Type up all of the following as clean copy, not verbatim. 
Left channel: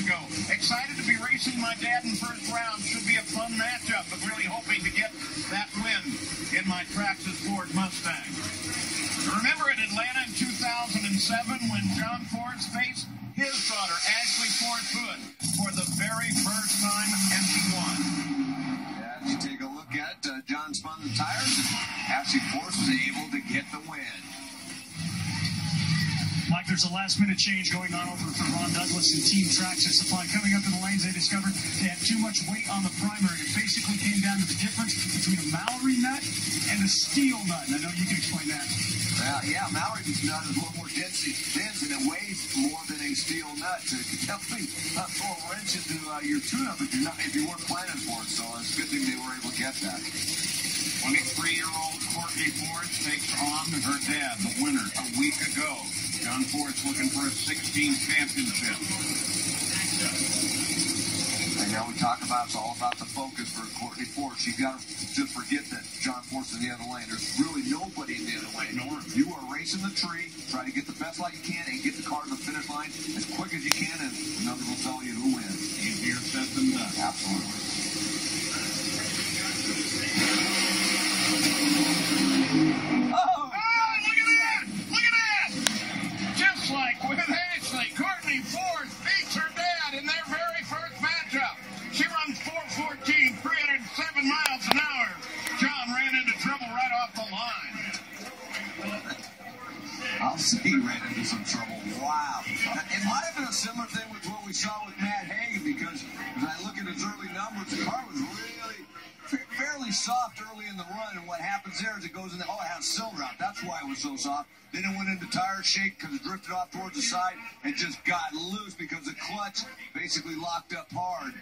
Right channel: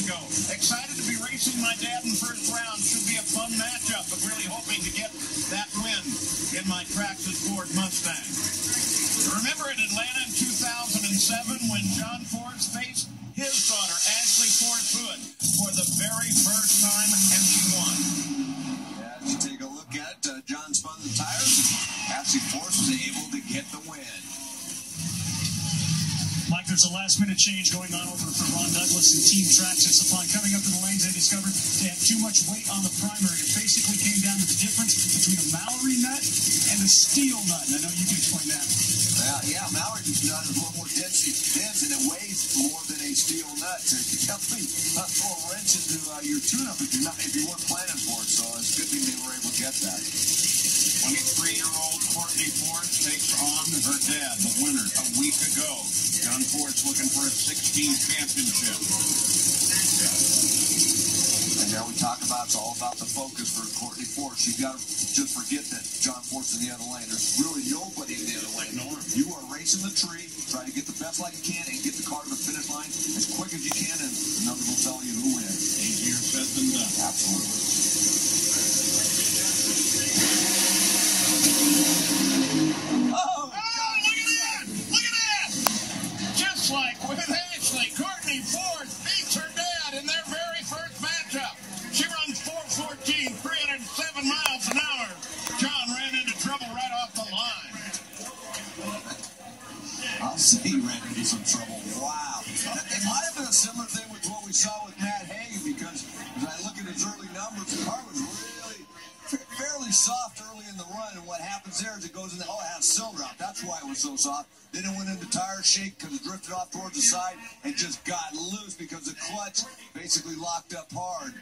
ago. Excited to be racing my dad in first round. Should be a fun matchup, but really hoping to get that win in my Traxxas Ford Mustang. Remember in Atlanta in 2007 when John Force faced his daughter, Ashley Force Hood, for the very first time, and she won. As you take a look at John spun the tires, Ashley Force was able to get the win. Mike, there's a last-minute change going on over for Ron Douglas and Team Traxxas Supply. Coming up in the lanes, they discovered they had too much weight on the primary. It basically came down to the difference between a Mallory nut and a steel nut. And I know you can explain that. Yeah, Mallory nut is a little more dense and it weighs more than a steel nut. So it could definitely throw a wrench into your tune-up if you weren't planning for it. So it's a good thing they were able to get that. 23-year-old Courtney Force takes on her dad, the winner, a week ago. John Force looking for a 16th championship. And now we talk about, it's all about the focus for Courtney Force. You got to just forget that John Force is in the other lane. There's really nobody in the other lane. You are racing the tree, try to get the best light you can, and get the car to the finish line as quick as you can, and the numbers will tell you who wins. Easier said than done. Absolutely. Like with Ashley, Courtney Force beats her dad in their very first matchup. She runs 4:14, 307 miles an hour. John ran into trouble right off the line. I'll say he ran into some trouble. Wow. It might have been a similar thing with what we saw with Matt Hagan, because as I look at his early numbers, the car was really fairly soft early in the run, and what happens there is it goes in the, it had a cylinder out. That's why it was so soft. Then it went into tire shake because it drifted off towards the side and just got loose because the clutch basically locked up hard.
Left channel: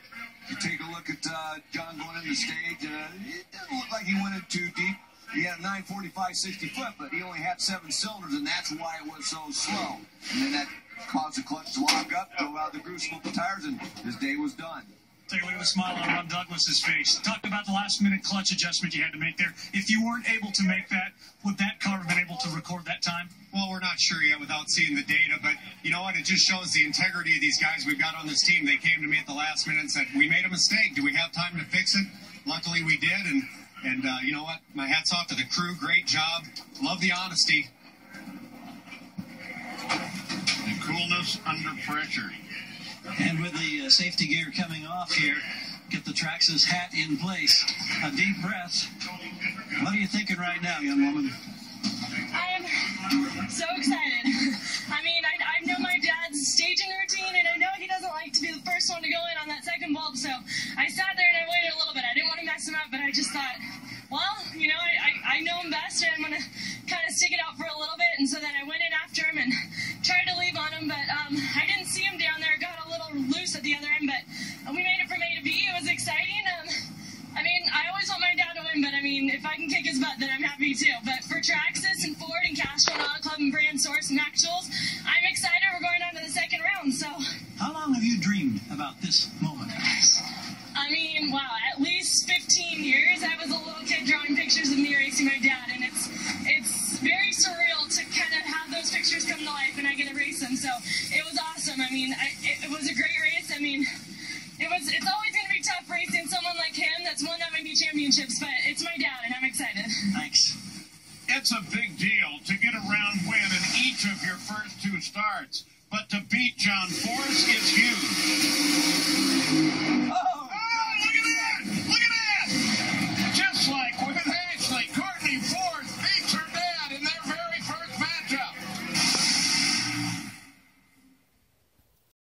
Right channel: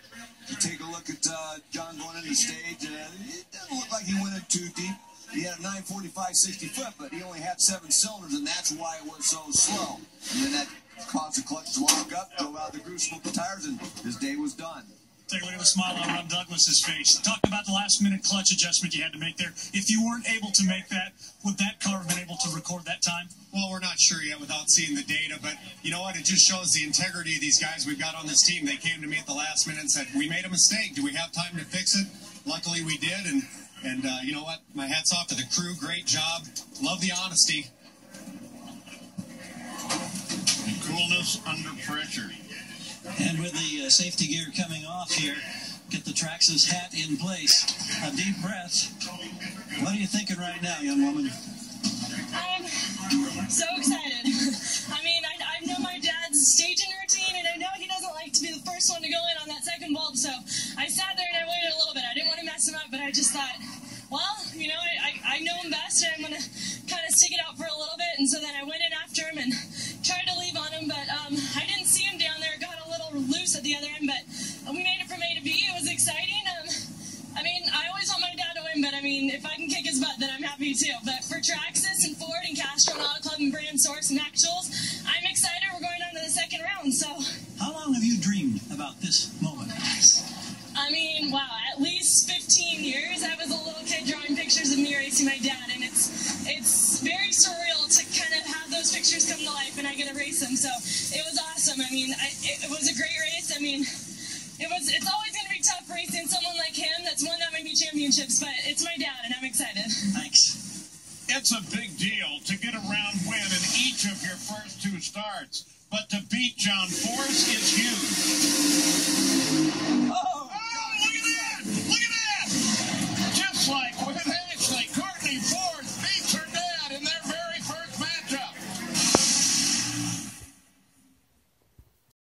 You take a look at John going into stage, it doesn't look like he went in too deep. He had a 945 60-foot, but he only had 7 cylinders, and that's why it was so slow. And then that caused the clutch to lock up, go out the groove, smoke the tires, and his day was done. Take a look at the smile on Ron Douglas's face. Talk about the last-minute clutch adjustment you had to make there. If you weren't able to make that, would that car have been able to record that time? Well, we're not sure yet without seeing the data, but you know what? It just shows the integrity of these guys we've got on this team. They came to me at the last minute and said, we made a mistake. Do we have time to fix it? Luckily, we did, and you know what? My hat's off to the crew. Great job. Love the honesty. And coolness under pressure. And with the safety gear coming off here, get the Traxxas hat in place. A deep breath. What are you thinking right now, young woman? I am so excited. I mean, I know my dad's staging routine, and I know he doesn't like to be the first one to go in on that second bulb, so I sat there and I waited a little bit. I didn't want to mess him up, but I just thought, well, you know, I know him best, and I'm going to kind of stick it out for a little bit, and so then I went in after him and tried to leave on him, but I didn't see him down there. Got a little loose at the other end, but we made it from A to B. It was exciting. I mean, I always want my dad to win, but I mean, if I can kick his butt, then I'm happy too. But for Traxxas and Ford and Castro and Auto Club and Brand Source and Mac Jules, I'm excited. We're going on to the second round, so. How long have you dreamed about this moment? I mean, wow, at least 15 years. I was a little kid drawing pictures of me racing my dad, and it's very surreal to kind of have those pictures come to life, and I get to race them. So it was awesome. I mean, it was a great race. I mean, it's always going to be tough racing someone like him that's won that many championships, but it's my dad, and I'm excited. Thanks. It's a big deal to get a round win in each of your first 2 starts, but to beat John Force is huge.